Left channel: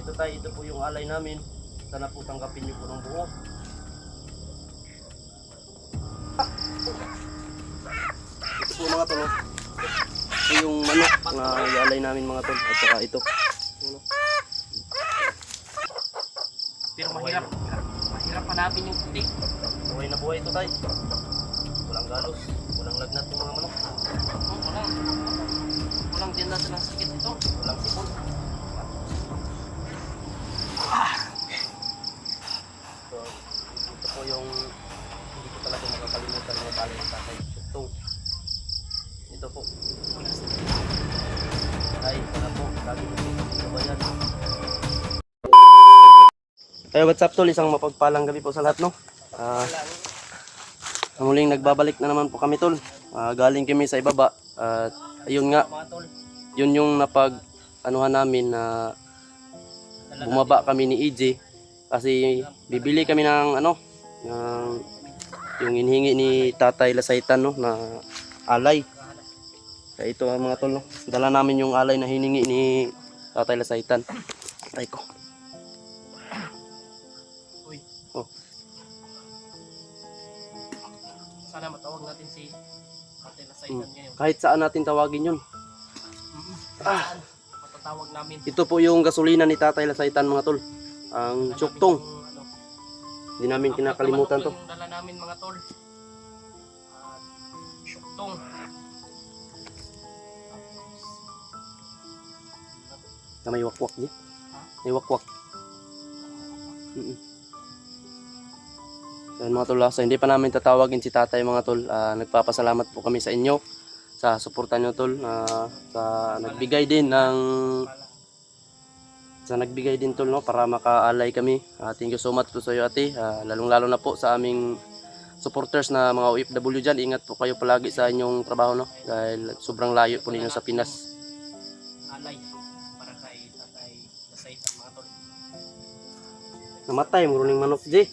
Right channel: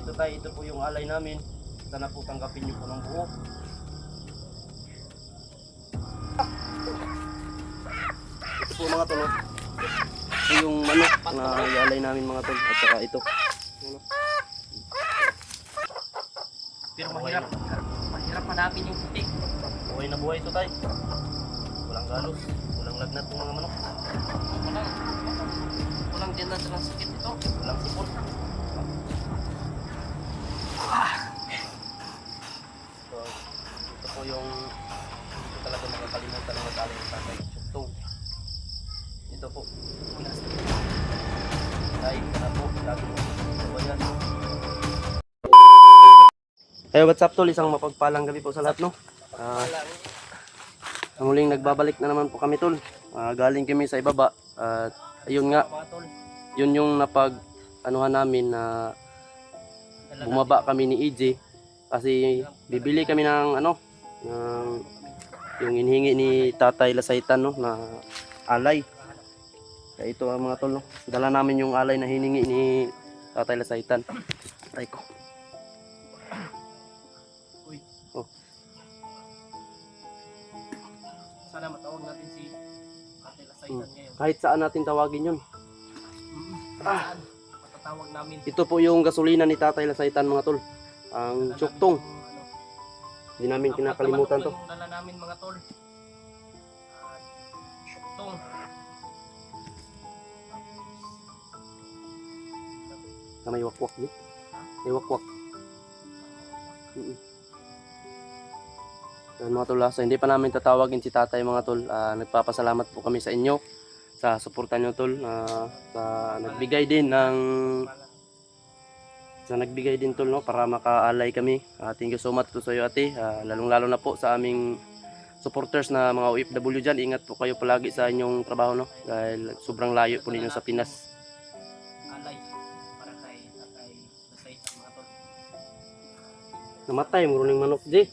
Ito tayo, ito po yung alay namin. Sana po tanggapin nyo po ng buo. Ito po mga tol. Ito yung manok na ialay namin mga tol. At saka ito. Pero mahirap. Mahirap hanapin yung puti. Buhay na buhay ito tayo. Walang galos, walang lagnat yung mga manok. Walang dyan na sakit ito. Walang sipon. So, ito po yung hindi ko talaga makakalimutan mga tali ng tatay. Syuktong. Ito po. Tay, sana po. Lagi mo po sa bayan. Hey, what's up tol? Isang mapagpalang gabi po sa lahat, no? Muling nagbabalik na naman po kami tol. Galing kami sa ibaba. At ayun nga, yun yung anuhan namin na bumaba kami ni EJ. Kasi bibili kami ng yung inhingi ni Tatay Lasaitan, no, na alay. Kaya ito mga tol, no? Dala namin yung alay na hiningi ni Tatay Lasaitan. Ay ko. Oh. Sana matawag natin si Tatay Lasaitan ngayon. Kahit saan natin tawagin yun. Matatawag namin. Ito po yung gasolina ni Tatay Lasaitan mga tol. Ang Syuktong. Hindi namin kinakalimutan to. Yung dala namin mga tol. Syuktong. Na may wakwak di? May wakwak. Ayun mga tol, so hindi pa namin tatawagin si Tatay mga tol. Nagpapasalamat po kami sa inyo sa suporta nyo tol, sa nagbigay din tol, no, para makaalay kami. Thank you so much po sa iyo ate, lalong lalo na po sa aming supporters na mga OFW dyan. Ingat po kayo palagi sa inyong trabaho, no, dahil sobrang layo po ninyo sa Pinas. Alay para kay Tatay Lasaitan mga tol. Namatay mo ning manok di.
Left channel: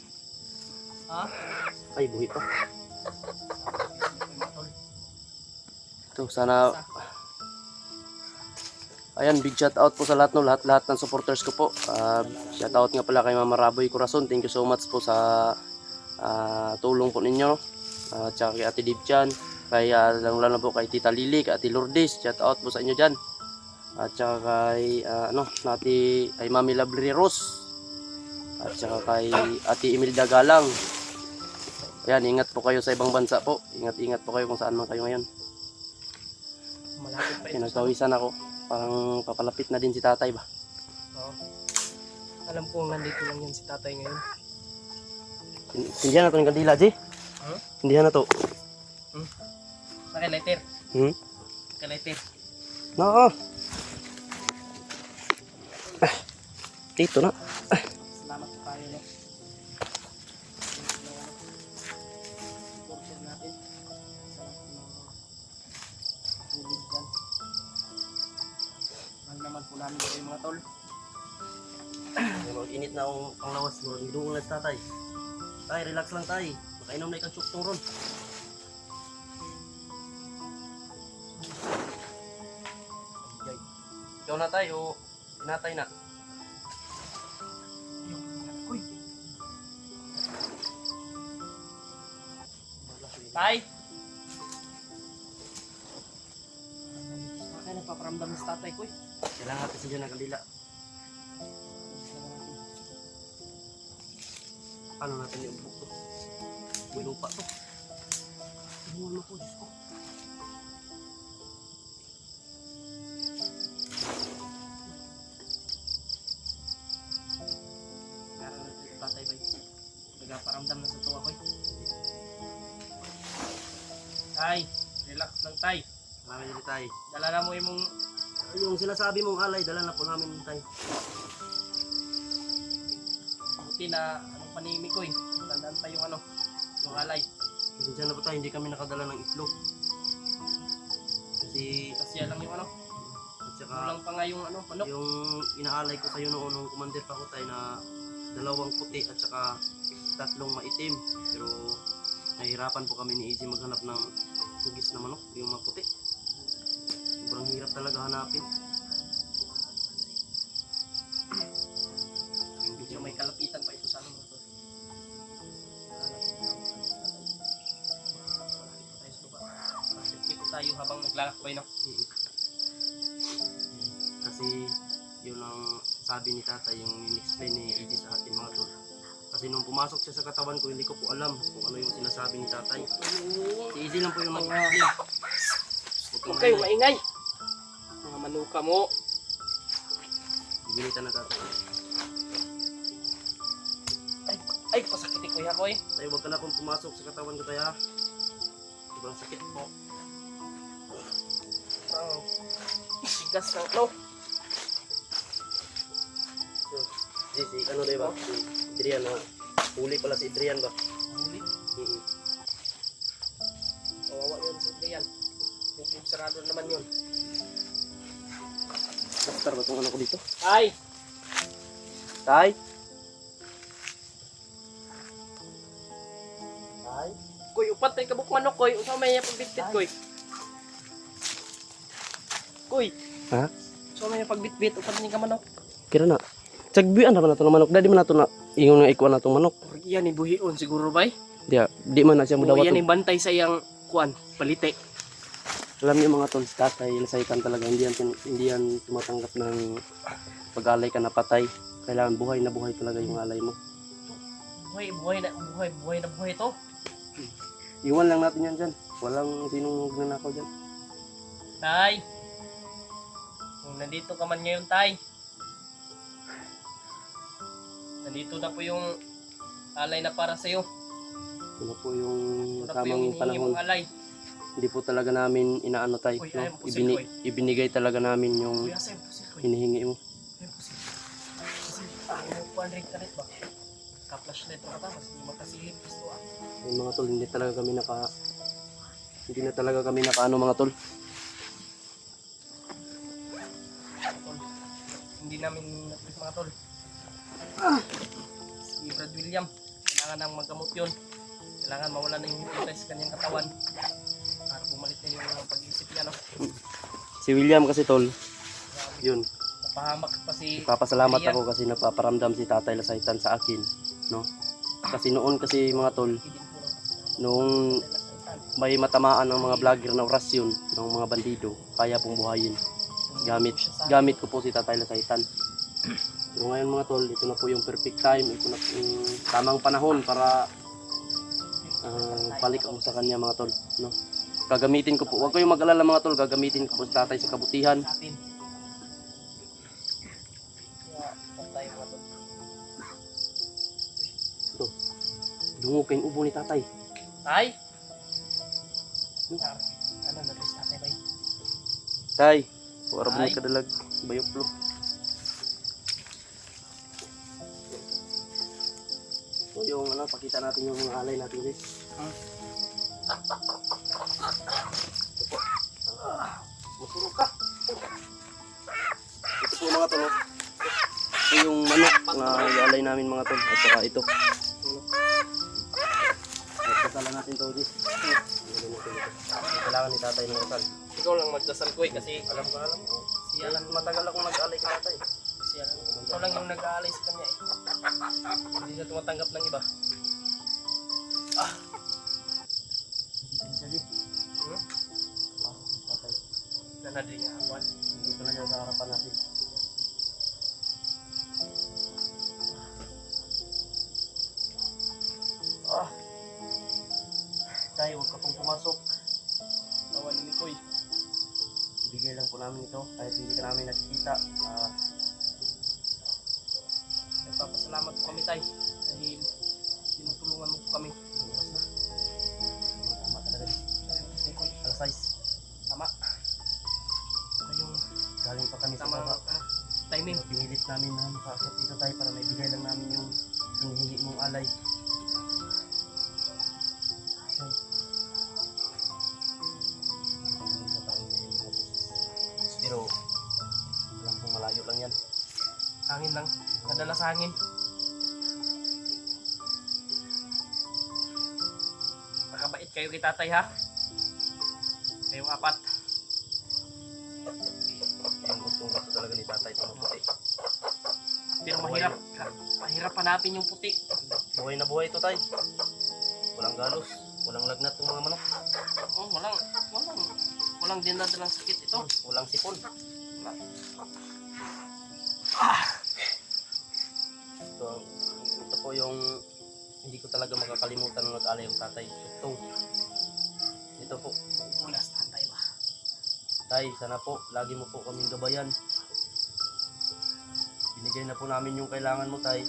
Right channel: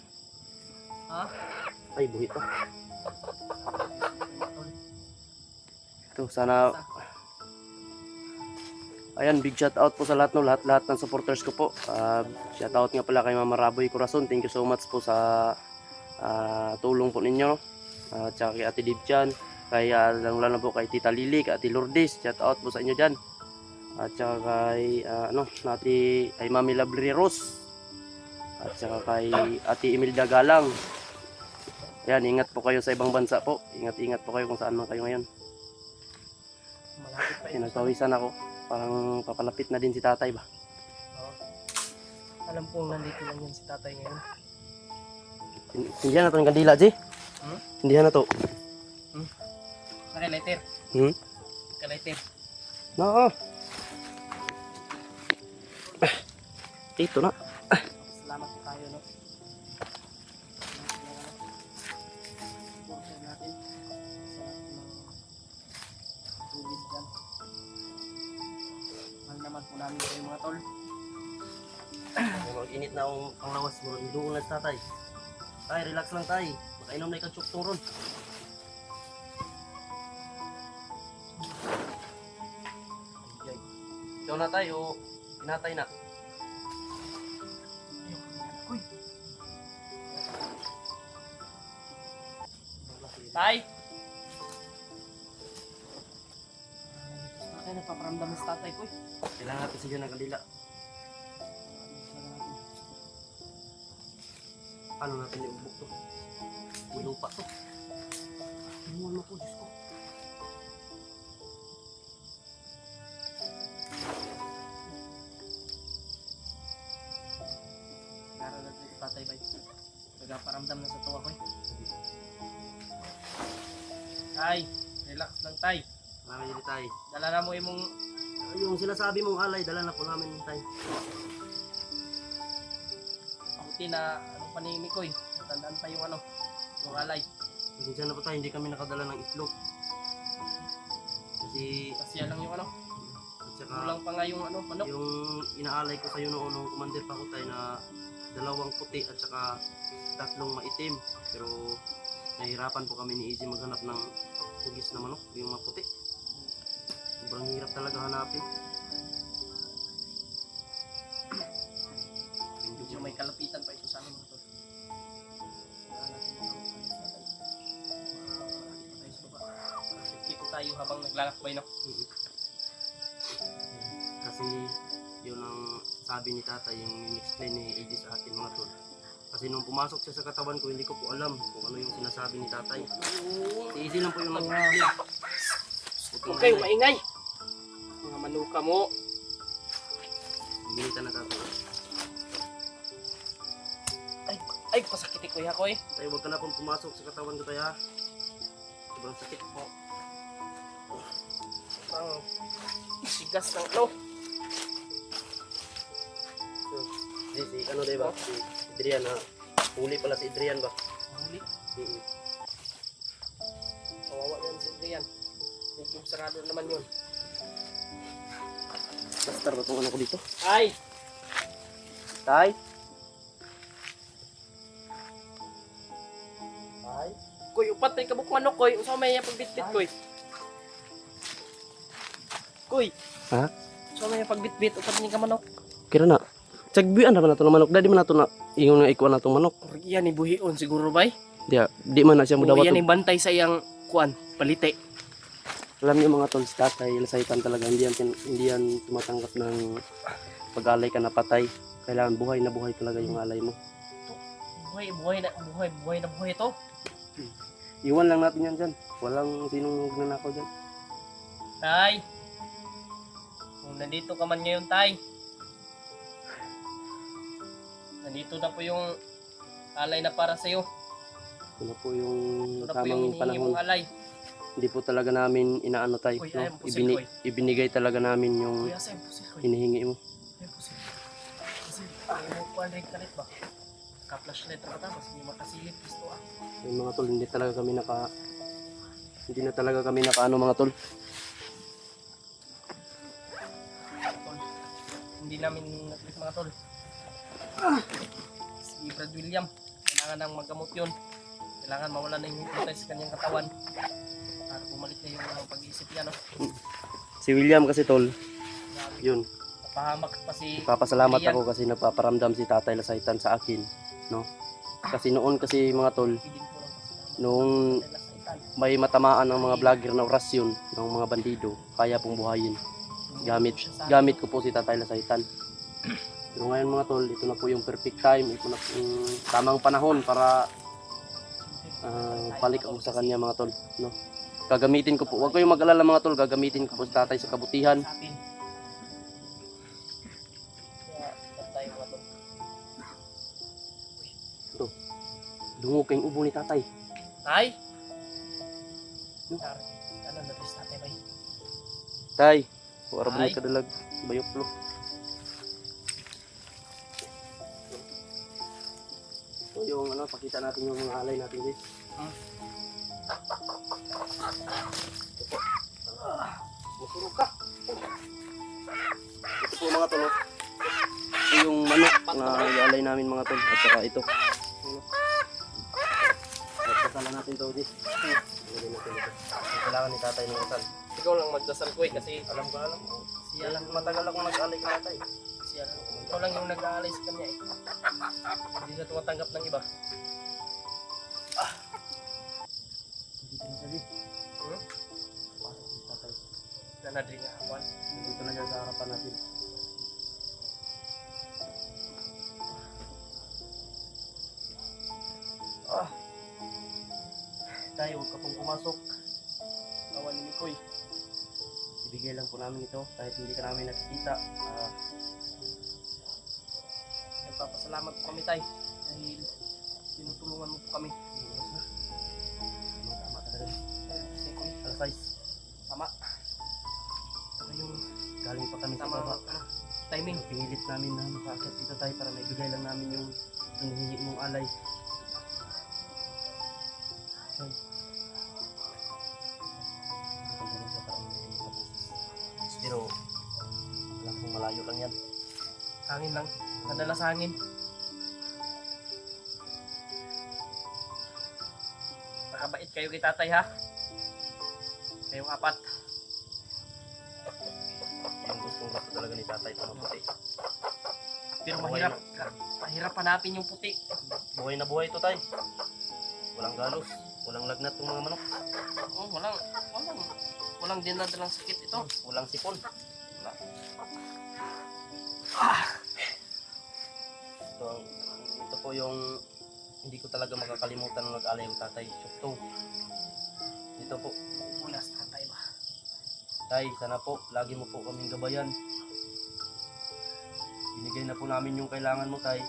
Ha? Ay buhi pa. Ito sana. Ayan, big shout out po sa lahat, no, lahat ng supporters ko po. Shout out nga pala kay Mama Raboy Corazon. Thank you so much po sa tulong po ninyo. Tsaka kay Ate Dibjan, kay lalo po kay Tita Lily, kay Ate Lourdes. Shout out po sa inyo diyan. At tsaka kay ay Mami Labri Rose. At tsaka kay Ate Imelda Galang. Ayan, ingat po kayo sa ibang bansa po. Ingat po kayo kung saan man kayo ngayon. Malapit pa ito. Pinagpawisan ako. Parang papalapit na din si Tatay ba? Oo. Alam kong nandito lang yan si Tatay ngayon. Hindi na to ng kandila, Ji? Hindi na to. Naka-lighter. Naka-lighter. No. Ito na. Salamat po tayo, no? Supporter natin. Sa tulid dyan. Mahal naman po namin kayo mga tol. Mag-init na akong panglawas mo. Doon na si Tatay. Tay, relax lang tay. Makainom na ikang Syuktong ron. Ay, ikaw na tayo. Pinatay na. Uy! Tay! Tatay, nagpaparamdam sa tatay ko. Kailangan natin sa dyan ng kandila. Paano natin iubok to? May lupa to. Tingnan mo po, Diyos ko. Kailangan natin sa tatay ba? Nagpaparamdam na sa tuwa ko. Tay! Relax lang tay. Marami dito tay. Dala na mo yung Yung sinasabi mong alay, dala na po namin tay. buti na anong panimik ko eh. Tandaan pa yung yung alay. Kasi dyan na po tayo, hindi kami nakadala ng itlog. Kasi, Kasi lang yung at saka, kulang pa nga yung manok. yung inaalay ko sa'yo noon nung commander pa ko tayo na 2 puti at saka 3 maitim. Pero nahihirapan po kami ni Easy maghanap ng hugis na manok, yung maputi. Sobrang hirap talaga hanapin. Medyo may kalapitan pa ito sa amin mga tol. Kailangan natin ang ano sa tatay. Malapit pa tayo sa lupa. Ikot tayo habang naglalakbay na. Kasi yun ang sabi ni tatay, yung in-explain ni AJ sa akin mga tol. Kasi nung pumasok siya sa katawan ko, hindi ko po alam kung ano yung sinasabi ni tatay. Si AJ lang po yung nag-explain. Huwag kayong maingay. Mga manuka mo. Ginitan na tatay. Ay, pasakit ko ya ko eh. Tayo, huwag ka na pong pumasok sa katawan ko tayo ha. Sobrang sakit po. Ang tigas ng no. So, si ano day ba? Si Adrian ha. Huli pala si Adrian ba? Huli. Kawawa yun si Adrian. Huwag sarado naman yun. Pastor ba itong ano ko dito? Ay! Tay? Tay? Koy, upat rin kabuk manok koy. Usama may pagbitbit koy. Koy. Ha? Usama may pagbitbit. Upat rin ka manok. Kira na. Tsagbian na ba na ito ng manok? Dadi man na ito na ingon nga ikuan na itong manok. Yan ni buhion siguro bay. Di man na siya mudawat. Yan ni bantay sa iyang kuan. Palite. Alam niyo mga tol, si tatay, lasaitan talaga, hindi yan tumatanggap ng pag-alay ka na patay. Kailangan buhay na buhay talaga yung alay mo. Buhay na buhay to. Iwan lang natin yan dyan. Walang sinong magnanakaw dyan. Tay. Kung nandito ka man ngayon, tay. Nandito na po yung alay na para sa'yo. Ito na po yung Ito na po tamang yung panahon. hinihingi mong alay. Hindi po talaga namin inaano tayo. Uy, No? ayaw, pusil, boy. Ibinigay talaga namin yung Kuya, sa'yo, pusil ko. hinihingi mo. Ayaw, pusil. Pusil. Ayaw mo kuhan rin ka rin ba? Ka-flashlight na ka tapos hindi makasilip gusto ah. Yung mga tol, hindi na talaga kami nakaano mga tol. Tol. Hindi namin nakita mga tol. Si Brad William, kailangan nang magamot yun. Kailangan mawala na yung hintay sa kanyang katawan. At bumalik na yung pag-iisip niya, no? Si William kasi tol, yun. Napahamak pa si Papasalamat Ian. ako kasi napaparamdam si Tatay Lasaitan sa akin, no? Kasi noon kasi mga tol, Hindi din po lang kasi noong may matamaan ng mga vlogger na orasyon ng mga bandido, kaya pong buhayin. Gamit ko po si Tatay Lasaitan. Pero ngayon mga tol, ito na po yung perfect time, ito na po yung tamang panahon para balik ako sa kanya mga tol, no? Gagamitin ko po, huwag kayong mag-alala mga tol, gagamitin ko po si Tatay sa kabutihan. sa atin. Kaya, tayo mga tol. Ito, dungog kayong ubo ni Tatay. Tay! Hmm? Ano, nalis natin ba? Tay, wala ba Tay? nagkadalag, bayoplo. So yung ano, pakita natin yung mga alay natin guys. Ito po. Masurog ka. Ito po mga tol. Ito yung manok na ialay namin mga tol. At saka ito. At kasala natin ito guys. Ilagay natin ito. Kailangan ni tatay ng kasal. Ikaw lang magdasal ko kasi Alam ko. siya lang, Matagal akong nag-alay kay tatay. siya lang. Ikaw lang yung nag-aalay sa kanya eh. Hindi na tumatanggap ng iba. Dito na siya di. Hmm? Pasok si tatay. Nanadri nga ako. Nandito na siya sa harapan natin. Tay, huwag ka pong pumasok. Tawa ni Mikoy. Ibigay lang po namin ito kahit hindi ka namin nakikita. Nagpapasalamat po kami tay. Dahil tinutulungan mo po kami. Oras na. Tama talaga. Mikoy. Alas 6. Tama. Ito yung Galing pa kami sa tama baba. timing. Pinilit namin na makakit dito tayo para maibigay lang namin yung hinihingi mong alay. Yan. Pagdating sa parang may mga boses. Pero alam kong malayo lang yan. Hangin lang. Nadala sa hangin. Nakabait kayo kay tatay ha. Kayong apat. Yung gustong gusto talaga ni tatay ito maputi. Pero Buhay mahirap. Mahirap hanapin yung puti. Buhay na buhay ito, tay. Walang galos, walang lagnat ng mga manok, Oh, walang dinadalang sakit ito. walang sipon. Wala. Ito po yung hindi ko talaga makakalimutan nung nag-alay yung tatay. Suktong. Ito po. Ulas, tantay ba? Tay, sana po, lagi mo po kaming gabayan. Binigay na po namin yung kailangan mo, tay.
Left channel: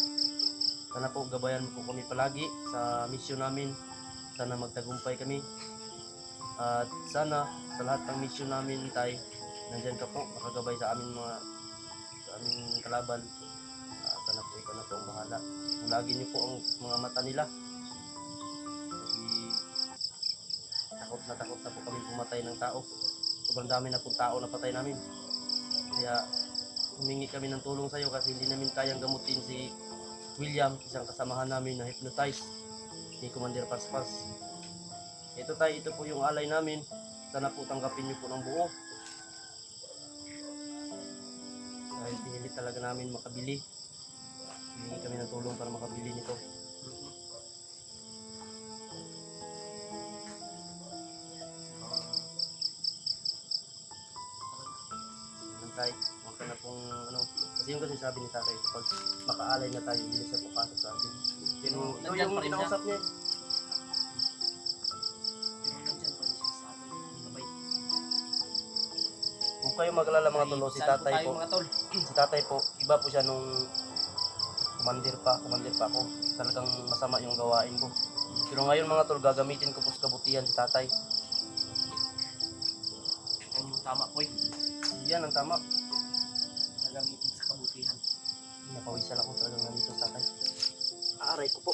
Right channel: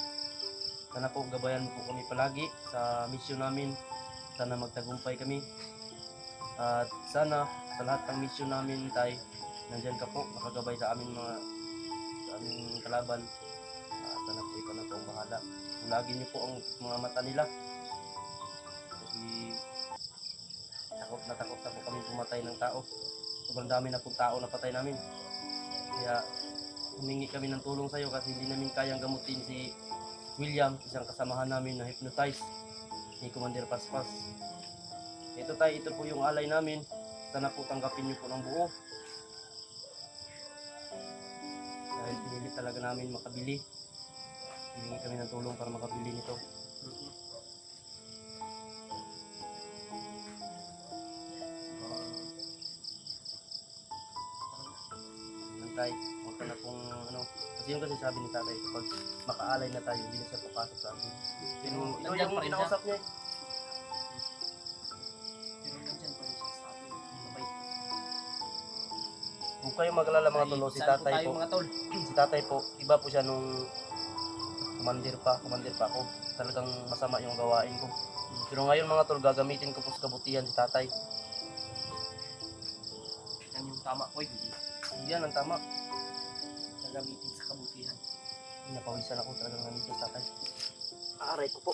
Sana po, gabayan mo po kami palagi sa misyon namin. Sana magtagumpay kami. At sana, sa lahat ng misyon namin, tay, nandyan ka po, nakagabay sa amin sa aming kalaban. Sana po, ikaw na po ang bahala. Ulagin niyo po ang mga mata nila. Kasi takot na po kami pumatay ng tao. Sobrang dami na pong tao na patay namin. Kaya humingi kami ng tulong sa iyo kasi hindi namin kayang gamutin si William, isang kasamahan namin na hypnotize ni Commander Paspas. Ito tayo, ito po yung alay namin. Sana po tanggapin niyo po ng buo. Dahil pinilit talaga namin makabili. Humingi kami ng tulong para makabili nito. Tay, huwag ka na pong kasi yung kasi sabi ni tatay, kapag makaalay na tayo, hindi na siya papasok sa atin. Pero ito Nandiyan yung pa rin kinausap niya. Pero nandyan pa rin siya sa atin. Gabay. Huwag kayo mag-alala mga tolo, si Saan tatay tayo, po, mga tol? si tatay po, iba po siya nung kumandir pa ako. Talagang masama yung gawain ko. Pero ngayon mga tol, gagamitin ko po sa kabutihan si tatay. Yan yung tama, boy. Yan ang tama. Gagamitin sa kabutihan. Napawisan ako talagang nandito sa tatay. Aray ko po.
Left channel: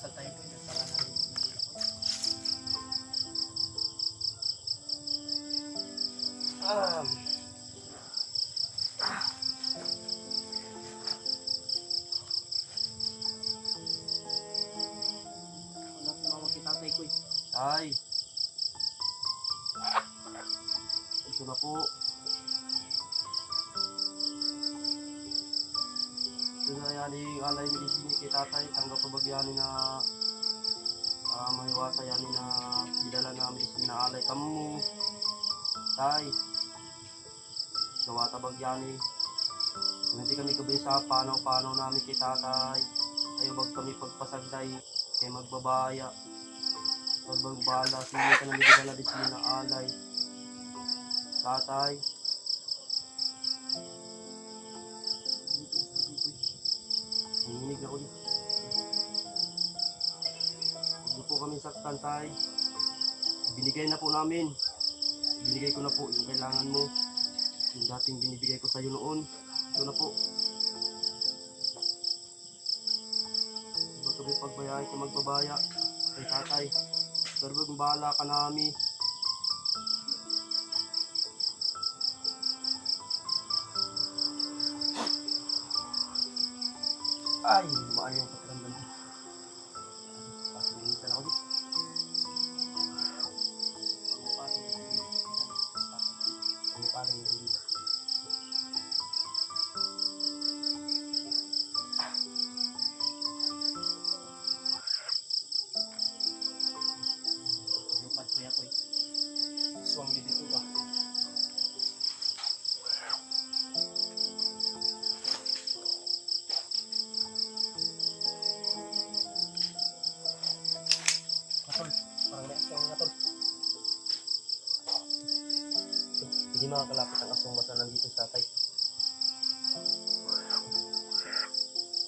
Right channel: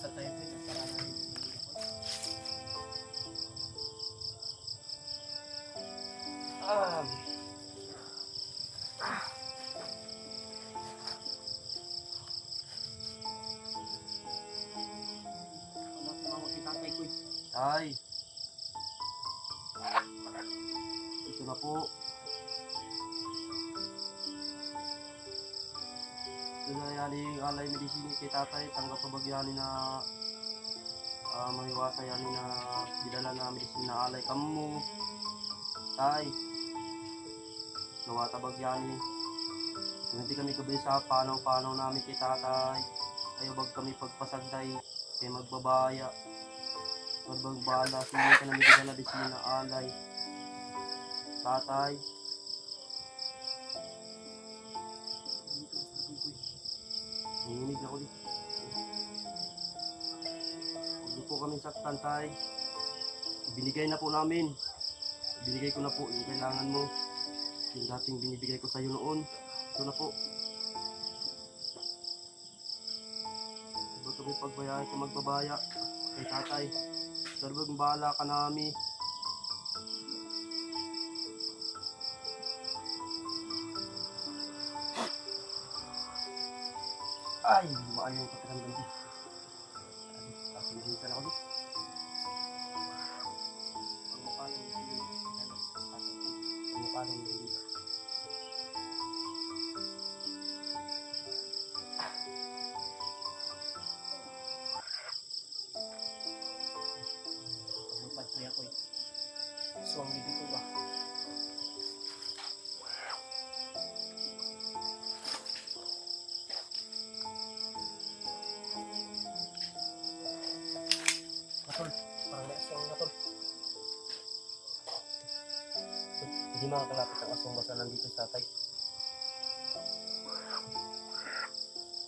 Sa tayo, boy. Para na rin. Wala po mga kitatay ko eh. Tay. Ito na po. Dagayani alay medisini kay tatay, tanggap pabagyani na mahiwasa yani na bidala na medisini na alay kamu. Tay. Gawa tabagyani. Kung hindi kami kabisa, panaw namin kay tatay. Ayaw bag kami pagpasagday, kay magbabaya. Sobrang bala, sige ka na may bidala medisini na alay. Tatay. Nanginig na ako dito. Huwag niyo po kami saktan, tay. Ibinigay na po namin. Ibinigay ko na po yung kailangan mo. Yung dating binibigay ko sa'yo noon. Ito na po. Huwag kami pagbayay ka magbabaya. Kay tatay. Sobrang bahala ka namin. Ay, lumaan yung pakiramdam ko. Pasilisan ako dito. Pangupalong yung dito. Paglupad ko yan ko eh. Suwang bibig ko ba? Katol, parang naasang katol. Hindi makakalapit ang asong basta nandito sa tatay.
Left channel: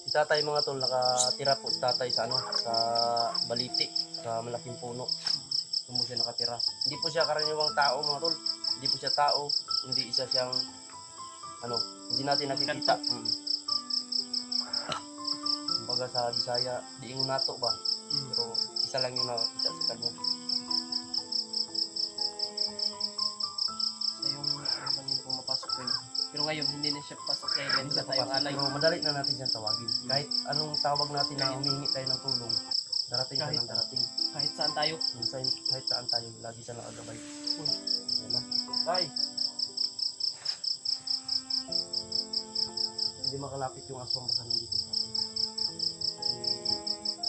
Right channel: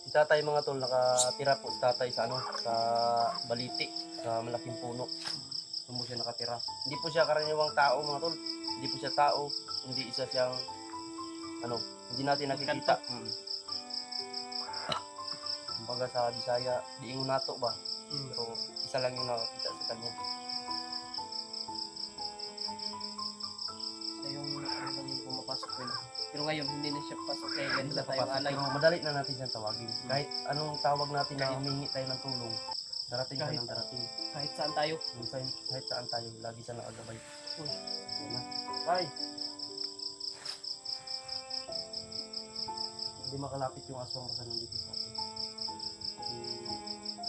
Si tatay mga tol, nakatira po si tatay sa sa baliti, sa malaking puno. Doon po siya nakatira. Hindi po siya karaniwang tao mga tol. Hindi po siya tao. Hindi isa siyang hindi natin nakikita. Kumbaga sa Bisaya, diingon nato ba? Pero isa lang yung nakakita sa kanya. Sa yung ano lang yung pumapasok ko yun. Pero ngayon, hindi na siya pasok kaya Hindi ganito siya tayong papasok, alay. pero madali na natin siyang tawagin. Kahit anong tawag natin na humingi tayo ng tulong, darating siya ng darating. Kahit saan tayo. Kahit saan tayo, lagi siya nakagabay. Uy. Yan na. Tay! hindi makalapit yung aswang basta nandito sa atin. Kasi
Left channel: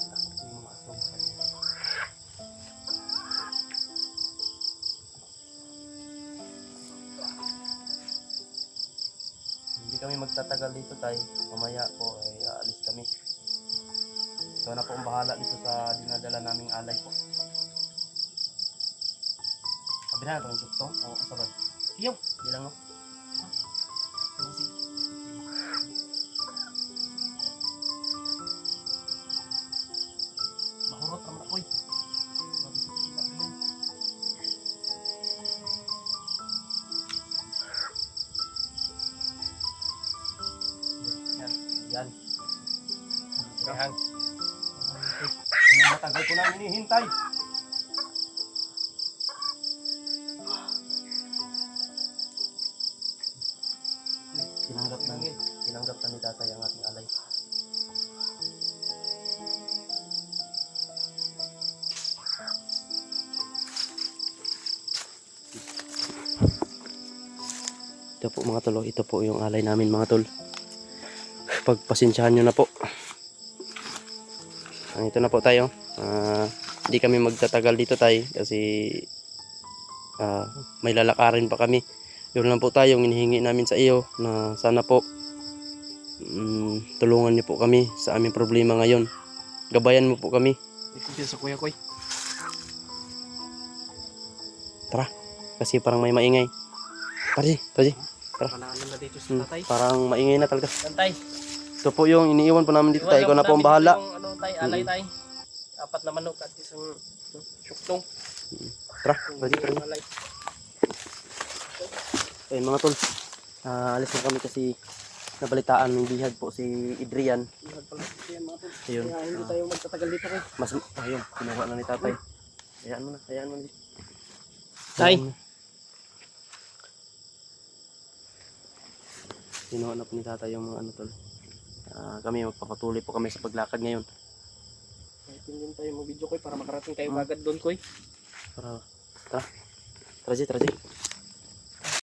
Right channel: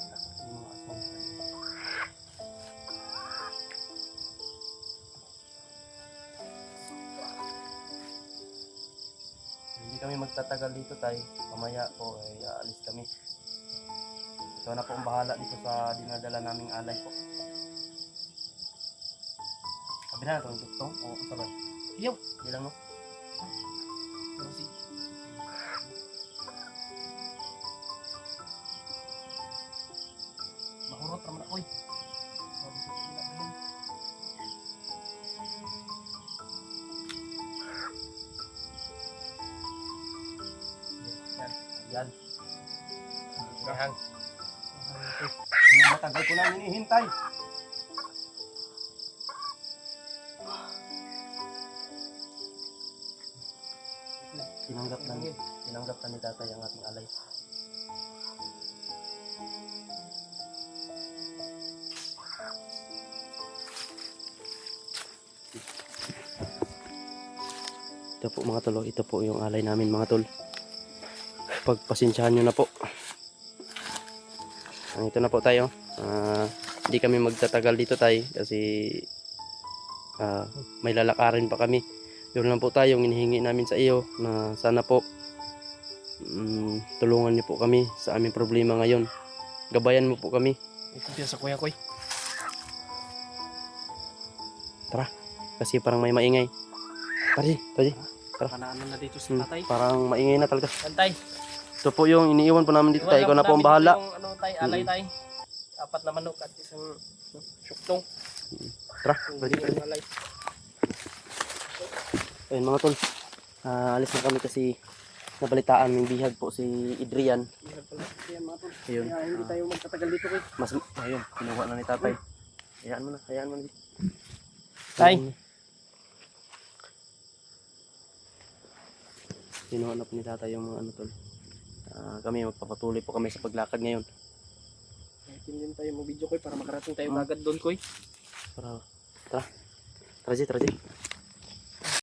takot yung mga aswang sa kanya. Hindi kami magtatagal dito tay. Mamaya po ay aalis kami. Ikaw na po ang bahala dito sa dinadala naming alay po. Sabi na ito yung gusto? Oo, sabay. Iyaw. Hindi lang no? Mahurot naman ako eh. Sabi sa pila ba yan? Yan. Yan. Yan. Ang matagal ko nang hinihintay. Tinanggap na ni tatay ang ating alay. Ito po mga tol, ito po yung alay namin mga tol. Pagpasensyahan nyo na po. Ito na po tayo. Hindi kami magtatagal dito tayo kasi may lalakarin pa kami. Yun lang po tayo, hinihingi namin sa iyo na sana po tulungan niyo po kami sa aming problema ngayon. Gabayan mo po kami. Ito siya sa kuya ko eh. Tara, kasi parang may maingay. Tara. Panaan na dito sa tatay. Parang maingay na talaga. Tantay. Ito po yung iniiwan po namin dito tayo. Ikaw na po ang bahala. Yung ano tay, alay tay. 4 na manok at isang syuktong. Tara. Alay. Ayun mga tol, alis na kami kasi nabalitaan ng bihag po si Adrian. Ihag pala yan mga tol. Ayun. Kaya hindi tayo magtatagal dito ko eh. Ayun, kinuha na ni tatay. Hayaan mo na. Tay. Kinuha na po ni tatay yung mga ano tol. Kami magpapatuloy po kami sa paglakad ngayon. Kahit hindi tayo mag-video ko eh para makarating tayo agad doon ko eh. Tara. Tara G.